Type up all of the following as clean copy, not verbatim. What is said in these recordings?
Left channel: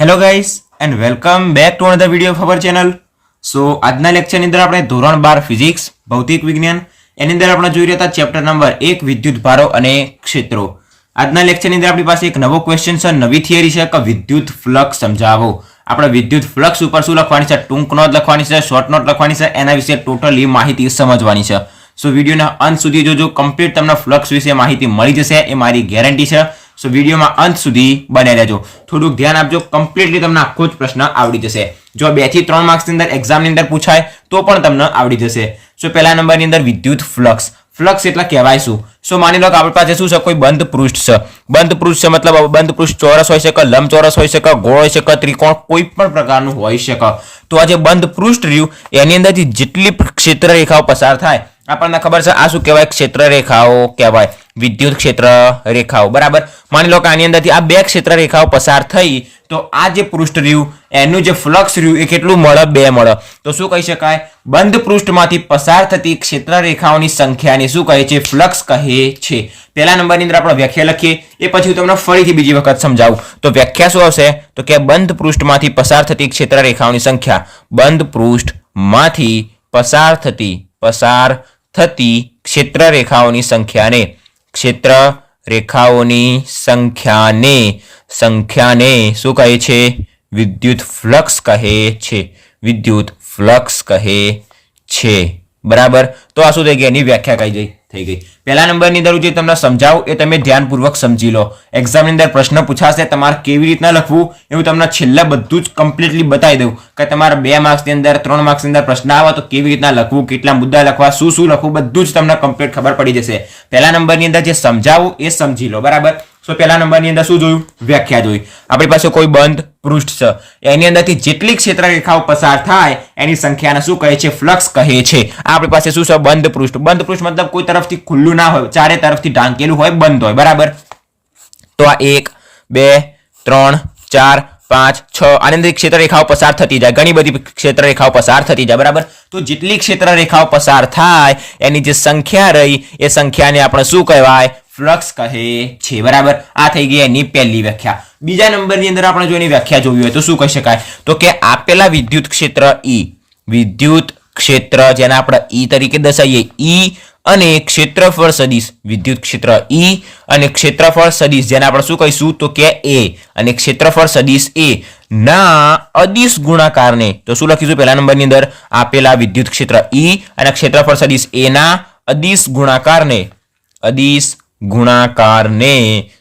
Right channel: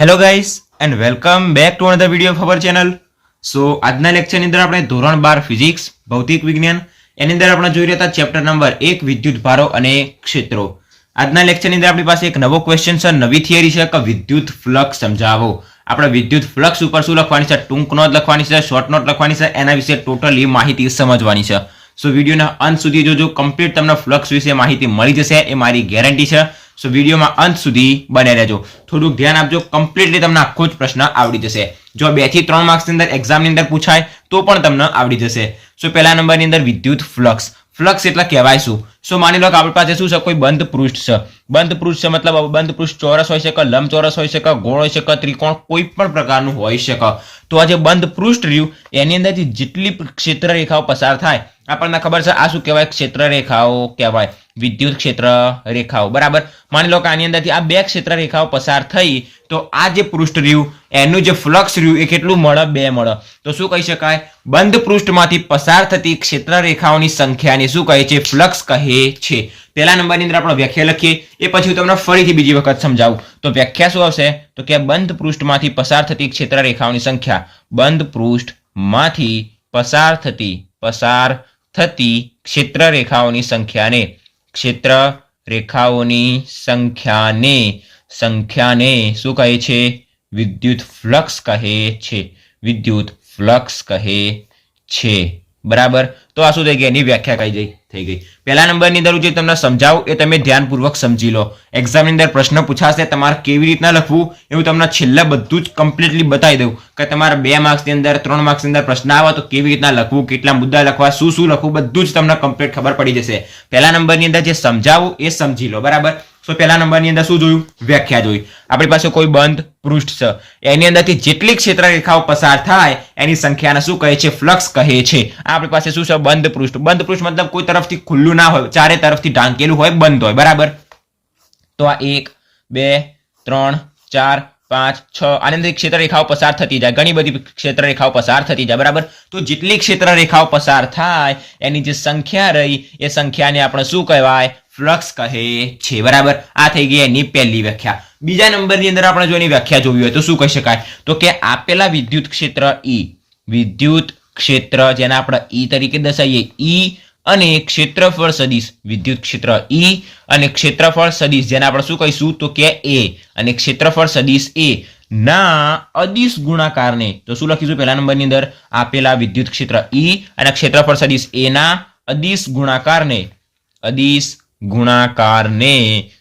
Hello guys and welcome back to another video of our channel. So આજના લેક્ચરની અંદર આપણે ધોરણ 12 ફિઝિક્સ ભૌતિક વિજ્ઞાન એની અંદર આપણે જોઈ રહ્યા હતા ચેપ્ટર નંબર 1 વિદ્યુત ભારો અને ક્ષેત્રો. આજના લેક્ચરની અંદર આપણી પાસે એક નવો ક્વેશ્ચન છે, નવી થિયરી છે કે વિદ્યુત ફ્લક્સ સમજાવો. આપણે વિદ્યુત ફ્લક્સ ઉપર શું લખવાની છે, ટૂંક નોટ લખવાની છે, શોર્ટ નોટ લખવાની છે, એના વિશે ટોટલી માહિતી સમજવાની છે. સો વિડીયોના અંત સુધી જોજો, કમ્પ્લીટ તમને ફ્લક્સ વિશે માહિતી મળી જશે, એ મારી ગેરંટી છે. સો વિડીયોમાં અંત સુધી બને રહેજો, થોડુંક ધ્યાન આપજો, કમ્પ્લીટલી તમને આખો જ પ્રશ્ન આવડી જશે. જો 2 થી 3 માર્ક્સની અંદર એક્ઝામની અંદર પૂછાય તો પણ તમને આવડી જશે. સો પહેલા નંબરની અંદર વિદ્યુત ફ્લક્સ. ફ્લક્સ એટલે કહેવાય શું? સો માની લો કે આપણી પાસે શું છે, કોઈ બંધ પૃષ્ઠ છે. બંધ પૃષ્ઠ છે મતલબ બંધ પૃષ્ઠ ચોરસ હોઈ શકે, લંબચોરસ હોઈ શકે, ગોળ હોઈ શકે, ત્રિકોણ, કોઈ પણ પ્રકારનું હોઈ શકે. તો આ જે બંધ પૃષ્ઠ રહ્યું એની અંદરથી જેટલી ક્ષેત્ર રેખાઓ પસાર થાય, આપણને ખબર છે આ શું કહેવાય, ક્ષેત્ર રેખાઓ કહેવાય, વિદ્યુત ક્ષેત્ર રેખાઓ. બરાબર, માની લો કે આની અંદરથી આ 2 ક્ષેત્ર રેખાઓ પસાર થઈ તો આ જે પૃષ્ઠ રહ્યું એનું જે ફ્લક્સ રહ્યું એ કેટલું મળે, 2 મળે. તો શું કહી શકાય, બંધ પૃષ્ઠમાંથી પસાર થતી ક્ષેત્ર રેખાઓની સંખ્યાને શું કહે છે, ફ્લક્સ કહે છે. પહેલા નંબરની અંદર આપણે વ્યાખ્યા લખીએ, એ પછી તમને ફરીથી બીજી વખત સમજાવું. તો વ્યાખ્યા શું આવશે, તો કે બંધ પૃષ્ઠમાંથી પસાર થતી ક્ષેત્ર રેખાઓની સંખ્યા, બંધ પૃષ્ઠમાંથી પસાર થતી ક્ષેત્ર રેખાઓની સંખ્યાને શું કહે છે, વિદ્યુત ફ્લક્સ કહે છે. વિદ્યુત ફ્લક્સ કહે છે. બરાબર, તો આ શું થઈ ગઈ, એની વ્યાખ્યા થઈ ગઈ. પહેલા નંબરની અંદર જે તમને સમજાવું એ તમે ધ્યાનપૂર્વક સમજી લો. એક્ઝામની અંદર પ્રશ્ન પૂછાશે, તમારે કેવી રીતના લખવું એવું તમને છેલ્લે બધું જ કમ્પ્લીટલી બતાવી દઉં કે તમારે 2 માર્ક્સની અંદર 3 માર્ક્સની અંદર પ્રશ્ન આવે તો કેવી રીતના લખવું, કેટલા મુદ્દા લખવા, શું લખવું, બધું જ તમને કમ્પ્લીટ ખબર પડી જશે. પહેલા નંબરની અંદર જે સમજાવું એ સમજી લો. બરાબર, સો પહેલા નંબરની અંદર શું જોયું, વ્યાખ્યા જોઈ. આપણી પાસે કોઈ બંધ પૃષ્ઠ છે, એની અંદરથી જેટલી ક્ષેત્ર રેખાઓ પસાર થાય એની સંખ્યાને શું કહે છે, ફ્લક્સ કહે છે. આપણી પાસે શું છે, બંધ પૃષ્ઠ. બંધ પૃષ્ઠ મતલબ કોઈ તરફથી ખુલ્લું ના હોય, ચારે તરફથી ઢાંકેલું હોય, બંધ હોય. બરાબર, તો આ 1 2 3 4 5 6 આની અંદર ક્ષેત્ર રેખાઓ પસાર થતી જાય, ઘણી બધી ક્ષેત્ર રેખાઓ પસાર થતી જાય. બરાબર, તો જેટલી ક્ષેત્ર રેખાઓ પસાર થાય એની જે સંખ્યા રહી એ સંખ્યાને આપણે શું કહેવાય, ફ્લક્સ કહે છે. બરાબર, આ થઈ ગઈ એની પહેલી વ્યાખ્યા. બીજા નંબરની અંદર આપણે જો એની વ્યાખ્યા જોવી હોય તો શું કહી શકાય, તો કે આપેલા વિદ્યુત ક્ષેત્ર વિદ્યુત ક્ષેત્ર જેને આપણે E તરીકે દર્શાવીએ, E અને ક્ષેત્રફળ સદિશ, વિદ્યુત ક્ષેત્ર E અને ક્ષેત્રફળ સદિશ જેને આપણે શું કહીશું, તો કે A અને ક્ષેત્રફળ સદિશ A ના અદિશ ગુણાકારને, તો શું લખીશું પહેલા નંબરની અંદર, આપેલા વિદ્યુત ક્ષેત્ર E અને ક્ષેત્રફળ સદિશ A ના અદિશ ગુણાકારને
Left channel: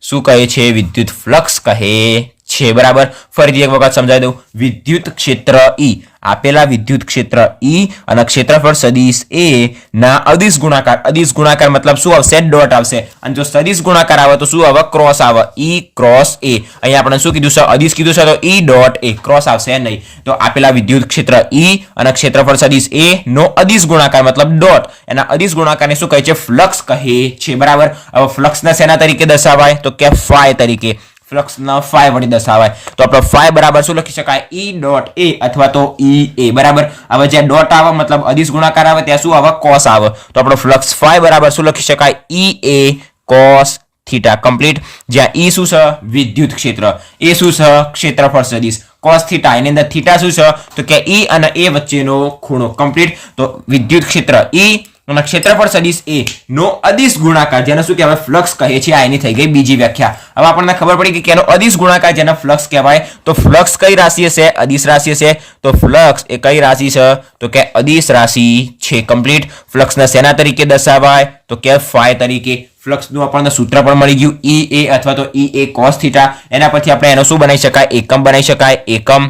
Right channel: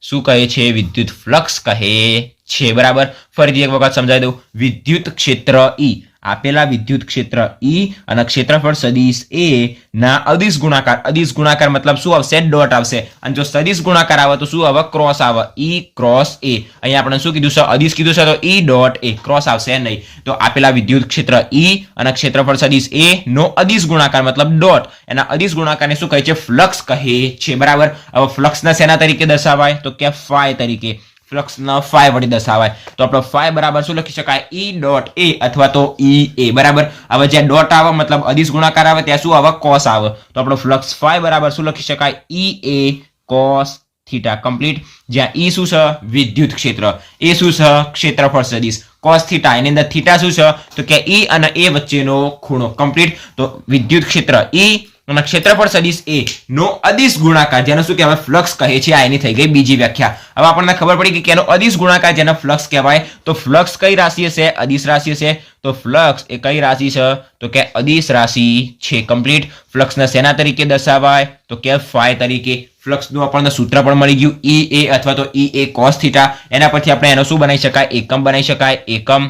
શું કહે છે, વિદ્યુત ફ્લક્સ કહે છે. બરાબર, ફરીથી એક વખત સમજાવી દઉં. વિદ્યુત ક્ષેત્ર E, આપેલા વિદ્યુત ક્ષેત્ર E અને ક્ષેત્રફળ સદિશ A ના અદિશ ગુણાકાર મતલબ શું આવશે, ડોટ આવશે. અને જો સદિશ ગુણાકાર આવે તો શું આવે, ક્રોસ આવે, E ક્રોસ A. અહીંયા આપણે શું કીધું છે, અદિશ કીધું છે, તો E ડોટ A, ક્રોસ આવશે નહીં. તો આપેલા વિદ્યુત ક્ષેત્ર E અને ક્ષેત્રફળ સદિશ A નો અદિશ ગુણાકાર મતલબ ડોટ, એના અદિશ ગુણાકારને શું કહે છે, ફ્લક્સ કહે છે. બરાબર, હવે ફ્લક્સના શેના તરીકે દર્શાવાય, તો કે ફાઈ તરીકે, ફ્લક્સના ફાઈ વડે દર્શાવાય. તો આપણે ફાઈ બરાબર શું લખી શકાય, E ડોટ A અથવા તો EA. બરાબર, હવે જ્યાં ડોટ આવે મતલબ અદિશ ગુણાકાર આવે ત્યાં શું આવે, કોસ આવે. તો આપણે ફ્લક્સ ફાઈ બરાબર શું લખી શકાય, EA કોસ થીટા. કમ્પ્લીટ. જ્યાં E શું છે, વિદ્યુત ક્ષેત્ર, A શું છે, ક્ષેત્રફળ સદિશ, કોસ થીટા, એની અંદર થીટા શું છે, તો કે E અને A વચ્ચેનો ખૂણો. કમ્પ્લીટ. તો વિદ્યુત ક્ષેત્ર E અને ક્ષેત્રફળ સદિશ A નો અદિશ ગુણાકાર જેને શું કહેવાય, ફ્લક્સ કહે છે. આ એની થઈ ગઈ બીજી વ્યાખ્યા. હવે આપણને ખબર પડી કે એનો અદિશ ગુણાકાર જેને ફ્લક્સ કહેવાય. તો ફ્લક્સ કઈ રાશિ હશે, અદિશ રાશિ હશે. તો ફ્લક્સ એ કઈ રાશિ છે, તો કે અદિશ રાશિ છે. કમ્પ્લીટ. ફ્લક્સને શેના તરીકે દર્શાવાય, તો કે ફાઈ તરીકે. ફ્લક્સનું આપણને સૂત્ર પણ મળી ગયું, EA અથવા તો EA cos થીટા. એના પરથી આપણે એનો શું બનાવી શકાય, એકમ બનાવી શકાય. એકમ.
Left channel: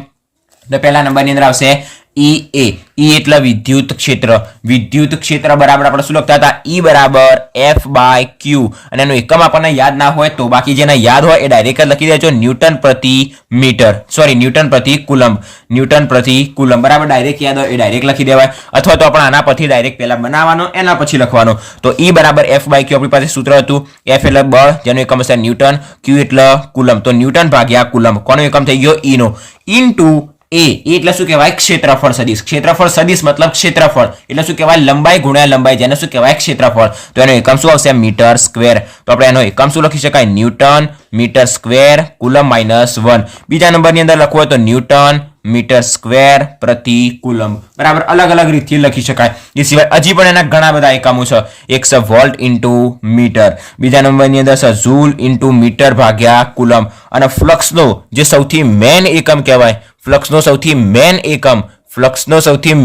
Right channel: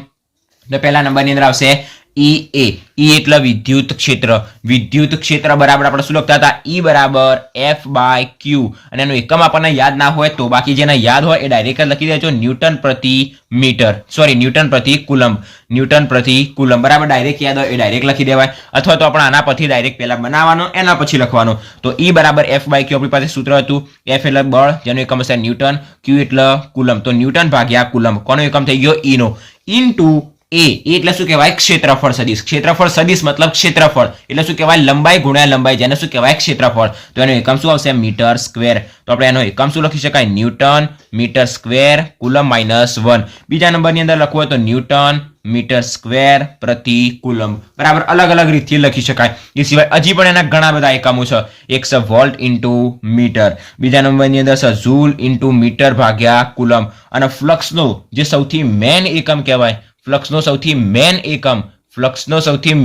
તો પહેલા નંબરની અંદર આવશે EA. E એટલે વિદ્યુત ક્ષેત્ર બરાબર આપણે શું લખતા હતા, E બરાબર F/Q. અને એનું એકમ આપણને યાદ ના હોય તો, બાકી જેને યાદ હોય એ ડાયરેક્ટ લખી દેજો, ન્યૂટન પ્રતિ મીટર, સોરી ન્યૂટન પ્રતિ કુલમ. બરાબર, ડાયરેક્ટ યાદ હોય એ ડાયરેક્ટ લખી દેવાય, અથવા તો આપણે આના પરથી ડાયરેક્ટ પહેલા બનાવવાનો, એના પછી લખવાનો. તો E બરાબર F/Q આપણી પાસે સૂત્ર હતું. F એટલે બળ જેનું એકમ હશે ન્યૂટન, Q એટલે કુલમ, તો ન્યૂટન ભાગ્યા કુલમ. કોનો એકમ થઈ ગયો, E નો, ઇન્ટુ એ એટલે શું કહેવાય ક્ષેત્રફળ સદિશ. ક્ષેત્રફળ સદિશ મતલબ ક્ષેત્રફળ એટલે શું કહેવાય લંબાઈ ગુણ્યા લંબાઈ, જેને શું કહેવાય ક્ષેત્રફળ. તો એનો એકમ શું આવશે મીટર સ્ક્વેર. તો આપણે એનો એકમ શું લખી શકાય ન્યૂટન મીટર સ્ક્વેર કુલમ -1. બીજા નંબરની અંદર લખવું હોય તો ન્યૂટન મીટર સ્ક્વેર પ્રતિ કુલમ. બરાબર, અલગ અલગ રીતથી લખી શકાય. એ સિવાય હજી પણ એના ઘણા બધા એકમો છે. એક છે વોલ્ટ ઇન્ટુ મીટર, બીજા નંબરની અંદર છે ઝૂલ ઇન્ટુ મીટર ભાગ્યા કુલમ. અને ફ્લક્સનો જે સૌથી મેન એકમ કહેવાય, ફ્લક્સનો સૌથી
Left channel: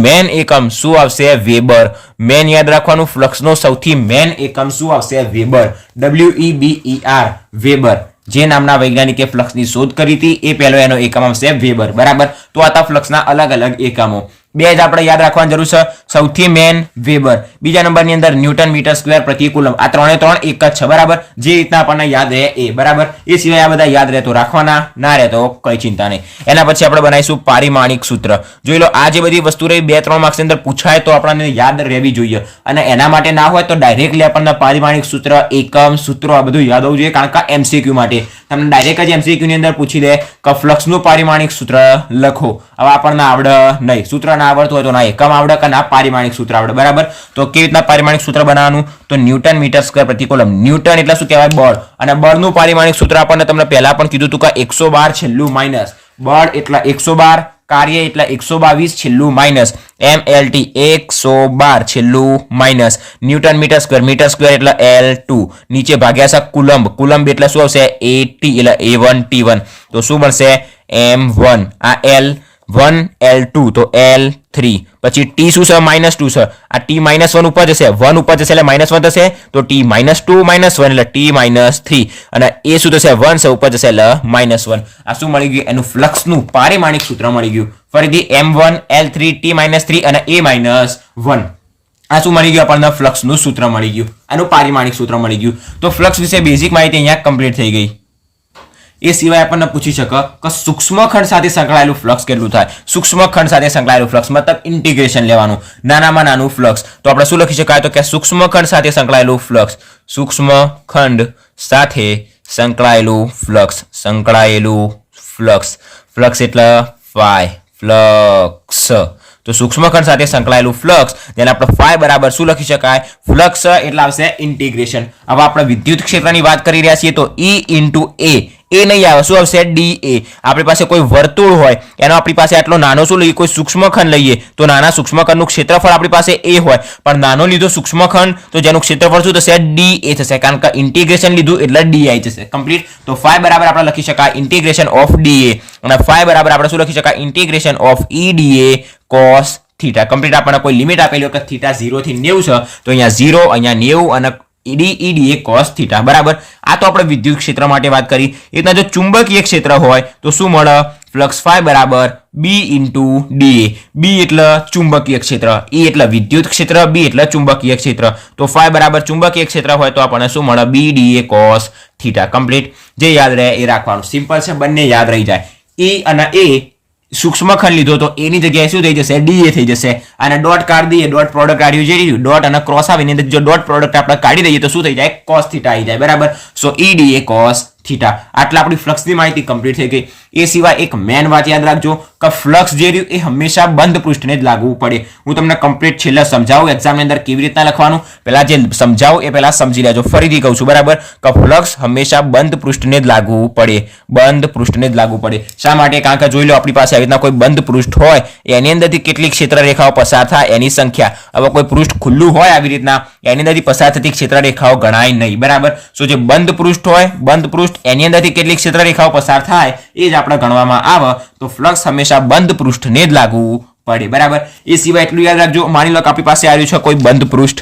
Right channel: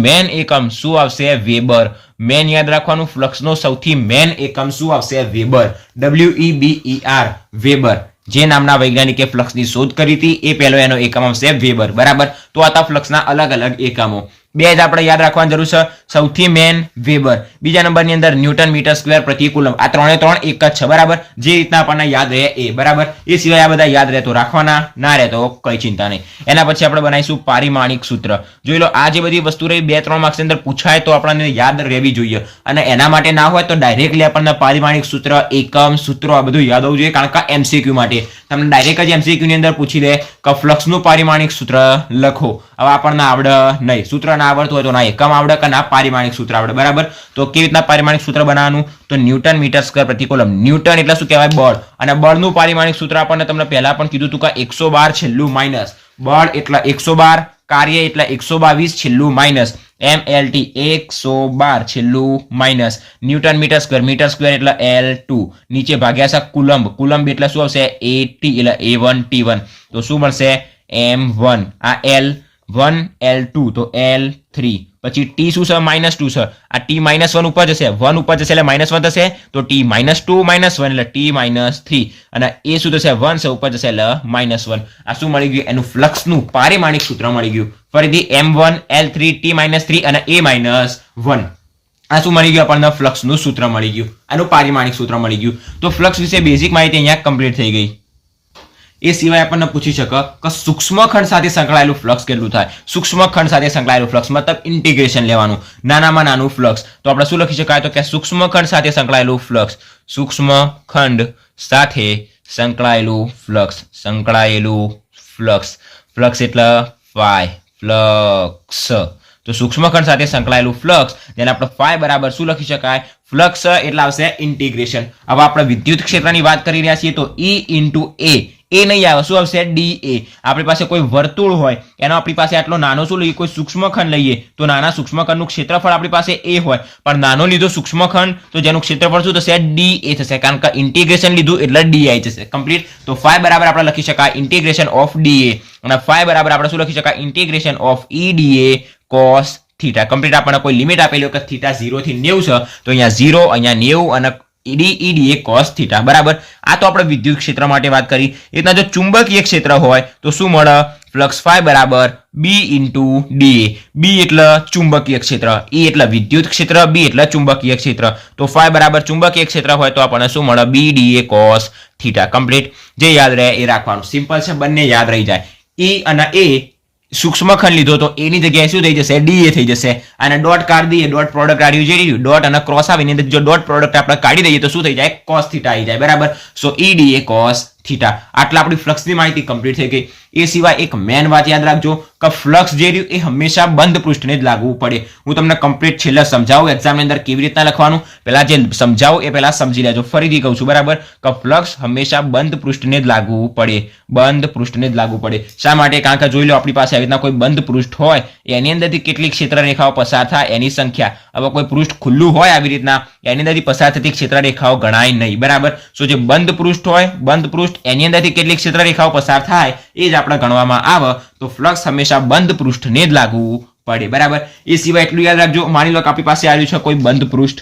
મેન એકમ શું આવશે વેબર. મેન યાદ રાખવાનું, ફ્લક્સનો સૌથી મેન એકમ શું આવશે વેબર, WEBER વેબર. જે નામના વૈજ્ઞાનિકે ફ્લક્સની શોધ કરી હતી એ પહેલો એનો એકમ આવશે વેબર. બરાબર, તો આ હતા ફ્લક્સના અલગ અલગ એકમો. બે જ આપણે યાદ રાખવાની જરૂર છે, સૌથી મેન વેબર, બીજા નંબરની અંદર ન્યૂટન મીટર સ્ક્વેર પ્રતિ કુલમ. આ ત્રણે ત્રણ એક જ છે. બરાબર, જે રીતના આપણને યાદ રહે એ. બરાબર, એ સિવાય આ બધા યાદ રહે તો રાખવાના, ના રહે તો કઈ ચિંતા નહીં. એના પછી આપણે બનાવીશું પારિમાણિક સૂત્ર. જોઈ લો, આ જે બધી વસ્તુ રહી 2-3 માર્ક્સની અંદર પૂછાય તો આપણને યાદ રહેવી જોઈએ. અને એના માટે ના હોય તો ડાયરેક્ટલી આપણને પારિમાણિક સૂત્ર, એકમ, સૂત્રો આ બધું યાદ હોવું જોઈએ, કારણ કે MCQ માટે તમને ડાયરેક્ટ જ MCQ ની અંદર પૂછી દે કે ફ્લક્સનું પારિમાણિક સૂત્ર લખો. હવે આપણને આવડે નહીં, સૂત્ર ના આવડતું હોય તો ના એકમ આવડે કે ના પારિમાણિક સૂત્ર આવડે. બરાબર, તો કેવી રીતના પારિમાણિક સૂત્ર બનાવવાનું, તો ન્યૂટન મીટર સ્ક્વેર પ્રતિ કુલમ. ન્યૂટન એટલે શું કહેવાય બળ, અને બળનું પારિમાણિક સૂત્ર આપણને તમને પહેલા પણ કીધું હતું કે 112 છેલ્લું માઇનસ. બળ એટલે 112, કાર્ય એટલે 122 છેલ્લું માઇનસ, MLT 112 છેલ્લું માઇનસ. ન્યૂટન મીટર સ્ક્વેર એટલે L2, નીચે ભાગ્યા છે કુલંબ. કુલંબ એટલે શું આવશે AT એટલે A1 T1. તો શું બનશે M1. આ L1 L2 તો L3. પછી T શું છે -2 છે. આ T -1 ઉપર જશે, 1 ઉપર જશે એટલે -1 થશે. તો T -2 -1 એટલે T -3. અને એ શું થશે 1 છે ઉપર જશે એટલે -1. આ શું મળી ગયું એનું ફ્લક્સનું પારિમાણિક સૂત્ર મળી ગયું. ફરીથી M1 L3 T -3 અને A-1. આ શું મળી ગયું આપણને ફ્લક્સનું સૂત્ર મળી ગયું, આનું પારિમાણિક સૂત્ર મળી ગયું. તો ફ્લક્સ વિશે બેઝિક માહિતી અહીંયા કમ્પ્લીટ થઈ ગઈ. એ સિવાય આપણને પૂછી શકે કે સૂક્ષ્મખંડ સાથે સંકળાયેલું ફ્લક્સ કેટલું થાય. સૂક્ષ્મખંડ સાથે સંકળાયેલું ફ્લક્સ મતલબ ઇન્ટિગ્રેશન લેવાનું, નાનામાં નાનું ફ્લક્સ. તો આપણે શું લખી શકાય તો કે સૂક્ષ્મખંડ સાથે સંકળાયેલું ફ્લક્સ, સૂક્ષ્મખંડ સાથે સંકળાયેલું ફ્લક્સ. ફ્લક્સ એટલે ફ્લક્સ. તો સૂક્ષ્મખંડ સાથે સંકળાયેલું ફ્લક્સ, જેને આપણે ફાઈ બરાબર શું લખી શકાય, ફ્લક્સ એટલે આવશે ઇન્ટિગ્રેશન. હવે આપણે વિદ્યુત ક્ષેત્રની વાત કરી રહ્યા છીએ તો E ઇન્ટુ A, એ નહીં આવે, શું આવશે DA. આપણી પાસે કોઈ વર્તુળ હોય એનો આપણી પાસે આટલો નાનો શું લઈએ, કોઈ સૂક્ષ્મખંડ લઈએ તો નાના સૂક્ષ્મખંડનું ક્ષેત્રફળ આપણી પાસે A હોય, પણ નાનો લીધો સૂક્ષ્મખંડ તો જેનું ક્ષેત્રફળ શું થશે DA થશે, કારણ કે ઇન્ટિગ્રેશન લીધું એટલે DI થશે. કમ્પ્લીટ. તો ફાઈ બરાબર આપણે લખી શકાય ઇન્ટિગ્રેશન ઓફ DA, અને ફાઈ બરાબર આપણે શું લખી શકાય integration of EDA cos theta. Complete. આપણને કોઈ લિમિટ આપેલી હોય કે થીટા 0 થી 90 છે, તો અહીંયા 0, અહીંયા 90 અને EDA cos થીટા. બરાબર, આ તો આપણે વિદ્યુત ક્ષેત્ર માટે વાત કરી. એટલા જો ચુંબકીય ક્ષેત્ર હોય તો શું મળે, ફ્લક્સ ફાઈ બરાબર B ઇન્ટુ DA. B એટલે ચુંબકીય ક્ષેત્ર, E એટલે વિદ્યુત ક્ષેત્ર, B એટલે ચુંબકીય ક્ષેત્ર. તો ફાઈ બરાબર ચુંબકીય ક્ષેત્ર હોય તો આપણને શું મળે BDA cos થીટા. કમ્પ્લીટ. જે યાદ રહે એ રાખવાનું, સિમ્પલ છે, બંને યાદ રહી જાય. E અને A સૂક્ષ્મખંડ લીધો તો એની જગ્યાએ શું થઈ જશે DA થઈ જશે, અને ડોટ કાઢી દઈએ, ડોટ પ્રોડક્ટ કાઢ્યું જે રહ્યું ડોટ અને ક્રોસ આવીને જો ડોટ પ્રોડક્ટ આપણે કાઢી દઈએ તો શું થઈ જાય cos થીટા આવી જાય. બરાબર, સો EDA cos થીટા. આટલા આપણી ફ્લક્સની માહિતી કમ્પ્લીટ થઈ ગઈ. એ સિવાય એક મેન વાત યાદ રાખજો કે ફ્લક્સ જે રહ્યું એ હંમેશા બંધ પૃષ્ઠને જ લાગવું પડે. હું તમને કમ્પ્લીટ છેલ્લે સમજાવું એક્ઝામની અંદર કેવી રીતના લખવાનું, પહેલા જે સમજાવું એ પહેલા સમજી લેજો. ફરીથી કહું છું, બરાબર, કે ફ્લક્સ હંમેશા બંધ પૃષ્ઠને જ લાગવું પડે, બંધ પૃષ્ઠને જ લાગવું પડે. શા માટે, કારણ કે જોઈ લો આપણી પાસે આવી રીતના કોઈ બંધ પૃષ્ઠ હોય એની અંદરથી કેટલી ક્ષેત્ર રેખાઓ પસાર થાય એની સંખ્યા. હવે કોઈ પૃષ્ઠ ખુલ્લું હોય આવી રીતના એની અંદરથી પસાર થતી ક્ષેત્ર રેખાઓ ગણાય નહીં. બરાબર, સો જે બંધ પૃષ્ઠ હોય, બંધ પૃષ્ઠ એની અંદરથી કેટલી ક્ષેત્ર રેખાઓ પસાર થાય એ જ આપણે ગણવામાં આવે. તો ફ્લક્સ હંમેશા બંધ પૃષ્ઠને જ લાગવું પડે. બરાબર, એ સિવાય એટલું યાદ રાખજો, માની લો કે આપણી પાસે આવ્યું છે કોઈ બંધ પૃષ્ઠ.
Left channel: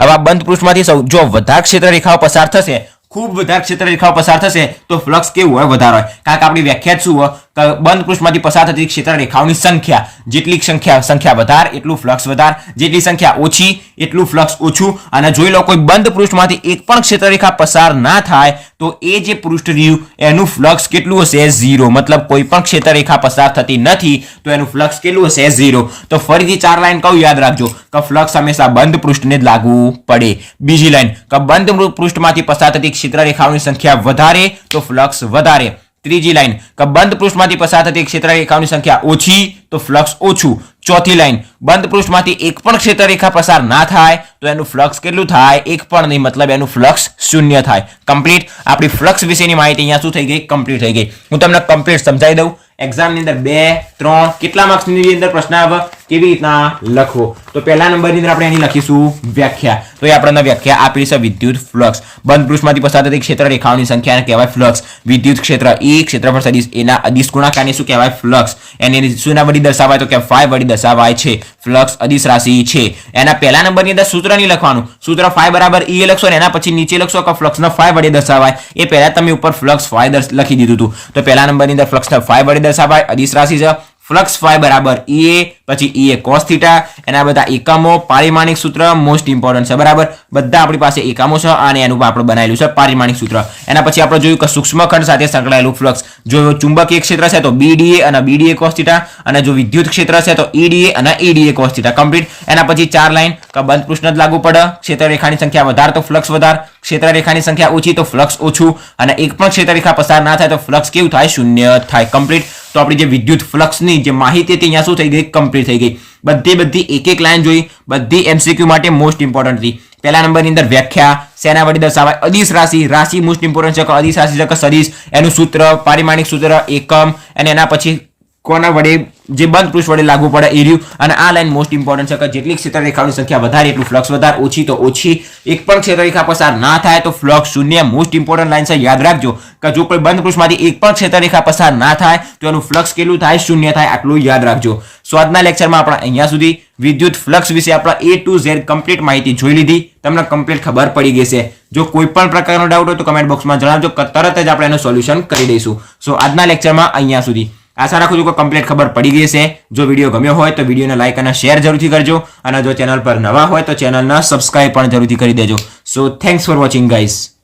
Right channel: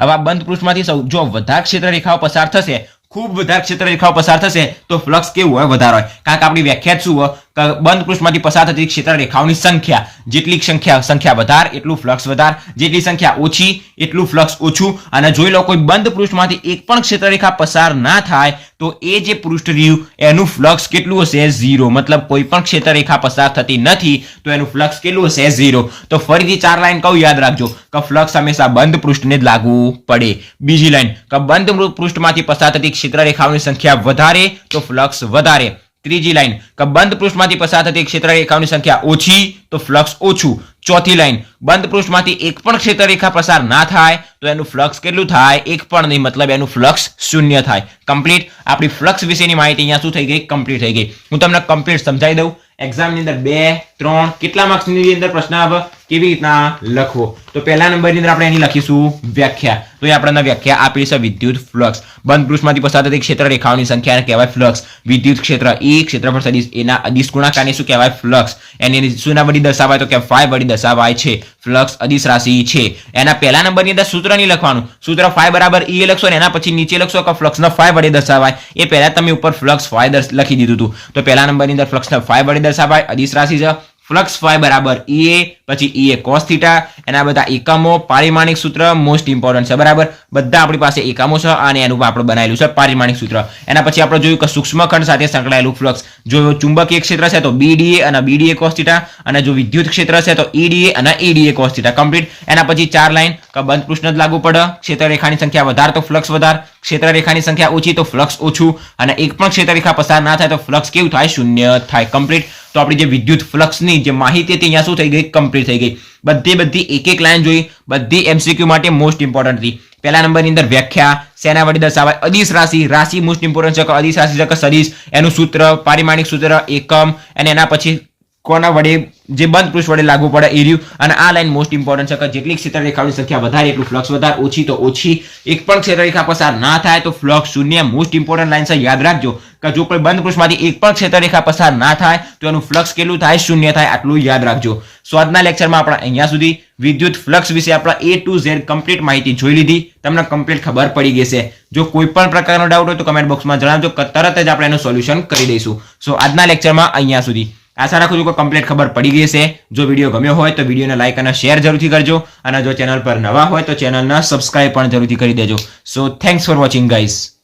હવે આ બંધ પૃષ્ઠમાંથી જો વધારે ક્ષેત્ર રેખાઓ પસાર થશે, ખૂબ વધારે ક્ષેત્ર રેખાઓ પસાર થશે તો ફ્લક્સ કેવું હોય, વધારે હોય. કારણ કે આપણી વ્યાખ્યા શું હોય કે બંધ પૃષ્ઠમાંથી પસાર થતી ક્ષેત્ર રેખાઓની સંખ્યા, જેટલી સંખ્યા વધારે એટલું ફ્લક્સ વધારે, જેટલી સંખ્યા ઓછી એટલું ફ્લક્સ ઓછું. અને જોઈ લો કોઈ બંધ પૃષ્ઠમાંથી એક પણ ક્ષેત્ર રેખા પસાર ના થાય તો એ જે પૃષ્ઠ રહ્યું એનું ફ્લક્સ કેટલું હશે 0. મતલબ કોઈ પણ ક્ષેત્ર રેખા પસાર થતી નથી તો એનું ફ્લક્સ કેટલું હશે 0. તો ફરીથી 4 લાઈન કહું યાદ રાખજો કે ફ્લક્સ હંમેશા બંધ પૃષ્ઠને જ લાગવું પડે. બીજી લાઈન કે બંધ પૃષ્ઠમાંથી પસાર થતી ક્ષેત્ર રેખાઓની સંખ્યા વધારે તો ફ્લક્સ વધારે, ત્રીજી લાઈન કે બંધ પૃષ્ઠમાંથી પસાર થતી ક્ષેત્ર રેખાઓની સંખ્યા ઓછી તો ફ્લક્સ ઓછું. ચોથી લાઈન બંધ પૃષ્ઠમાંથી એક પણ ક્ષેત્ર રેખા પસાર ના થાય તો એનું ફ્લક્સ કેટલું થાય? એક પણ નહીં, મતલબ એનું ફ્લક્સ શૂન્ય થાય. કમ્પ્લીટ. આપણી ફ્લક્સ વિશેની માહિતી અહીંયા શું થઈ ગઈ? કમ્પ્લીટ થઈ ગઈ. હું તમને કમ્પ્લીટ સમજાવી દઉં. એક્ઝામની અંદર 2, 3 કેટલા માર્ક્સની અંદર પ્રશ્ન આવે કેવી રીતના લખવો. તો પહેલા નંબરની અંદર આપણે એની લખીશું વ્યાખ્યા. તો એ આપણને વ્યાખ્યા આપેલી છે વિદ્યુત ફ્લક્સ. બંધ પૃષ્ઠમાંથી પસાર થતી ક્ષેત્ર રેખાઓની સંખ્યાને કહેવાય ફ્લક્સ. વિદ્યુત ક્ષેત્ર E ક્ષેત્રફળ સદિશ એના અદિશ ગુણાકારને શું કહેવાય? ફ્લક્સ. એની શૂના વડી દર્શાવાય તો કે phi વડી દર્શાવાય છે. ફ્લક્સ અદિશ રાશિ છે. એના પહેલા નંબરની અંદર સૂત્ર નહીં લખવાનું. સૂત્ર phi બરાબર E લખશો ને એના પછી નીચે લખશો કે ફ્લક્સનો phi વડે દર્શાવાય. એ પહેલા તમે ઉપર ફ્લક્સ phi લખી દીધું હતું. તો પહેલા નંબરની અંદર ફ્લક્સનો phi વડે દર્શાવાય, અદિશ રાશિ છે. ફ્લક્સ phi બરાબર EA, પછી EA cos θ. એના બધા એકમો, પારિમાણિક સૂત્ર મોસ્ટ ઇમ્પોર્ટન્ટ છે. બરાબર, બધા આપણી પાસે એકમો છે અને એનું આપણે બનાવેલું છે પારિમાણિક સૂત્ર. એના પછી આપણે જોયું કે સૂક્ષ્મ ખંડ સાથે સંકળાયેલું ફ્લક્સ. જો ચુંબકીય ક્ષેત્ર છે તો BDA અને BDA cos θ, અને જો વિદ્યુત ક્ષેત્ર છે તો EDA અને EDA cos θ. કમ્પ્લીટ. એના પછી 4 લાઈન કે બંધ પૃષ્ઠ જ લાગુ પડે. ક્ષેત્ર રેખાની સંખ્યા વધારે તો ફ્લક્સ વધારે, ક્ષેત્ર રેખાની સંખ્યા ઓછી તો ફ્લક્સ ઓછું, અને એક પણ ક્ષેત્ર રેખા પસાર ના થાય તો ફ્લક્સ કેવું થાય? શૂન્ય થાય. કમ્પ્લીટ. તો આપણી જે વિદ્યુત ફ્લક્સની જે માહિતી હતી અહીંયા શું થઈ ગઈ? કમ્પ્લીટ થઈ ગઈ. બધી એક લાઈન જોઈ, બધી MCQ માટે મોસ્ટ ઇમ્પોર્ટન્ટ હતી. પહેલા નંબરની અંદર વ્યાખ્યા શેના વડે દર્શાવાય? અદિશ રાશિ. રાશિ મોસ્ટ ઇમ્પોર્ટન્ટ છે કે અદિશ રાશિ છે કે સદિશ, એનું સૂત્ર, પારિમાણિક સૂત્ર, એકમ, અને એના પછી કોના વડે? જે બંધ પૃષ્ઠ વડે લાગુ પડે એ રહ્યું. અને આ લાઈન મોસ્ટ ઇમ્પોર્ટન્ટ છે કે જેટલી ક્ષેત્ર રેખાઓની સંખ્યા વધારે એટલું ફ્લક્સ વધારે, ઓછી તો ઓછી. એક પણ ક્ષેત્ર રેખા પસાર ના થાય તો ફ્લક્સ શૂન્ય. મોસ્ટ ઇમ્પોર્ટન્ટ લાઈન છે, યાદ રાખજો કે જો કોઈ બંધ પૃષ્ઠમાંથી એક પણ ક્ષેત્ર રેખા પસાર ના થાય તો એનું ફ્લક્સ કેટલું થાય? શૂન્ય થાય. આટલું યાદ રાખજો. સો આજના લેક્ચરમાં આપણે અહીંયા સુધી વિદ્યુત ફ્લક્સ વિશે આપણે A to Z કમ્પ્લીટ માહિતી જોઈ લીધી. તમને કમ્પ્લીટ ખબર પડી ગઈ છે. જો કોઈ પણ પ્રકારનો ડાઉટ હોય તો કમેન્ટ બોક્સમાં જણાવજો, તરત જ આપણે એનું સોલ્યુશન કરી દઈશું. સો આજના લેક્ચરમાં અહીંયા સુધી. આશા રાખું છું કે કમ્પ્લીટ ખબર પડી ગઈ છે. જો વિડીયો ગમ્યો હોય તો વિડીયોને લાઈક અને શેર જરૂરથી કરજો, અને જો ચેનલ પર નવા હોય તો ચેનલને સબસ્ક્રાઇબ પણ જરૂરથી કરી દેજો. સો થેન્ક્સ ફોર વોચિંગ ગાઈઝ.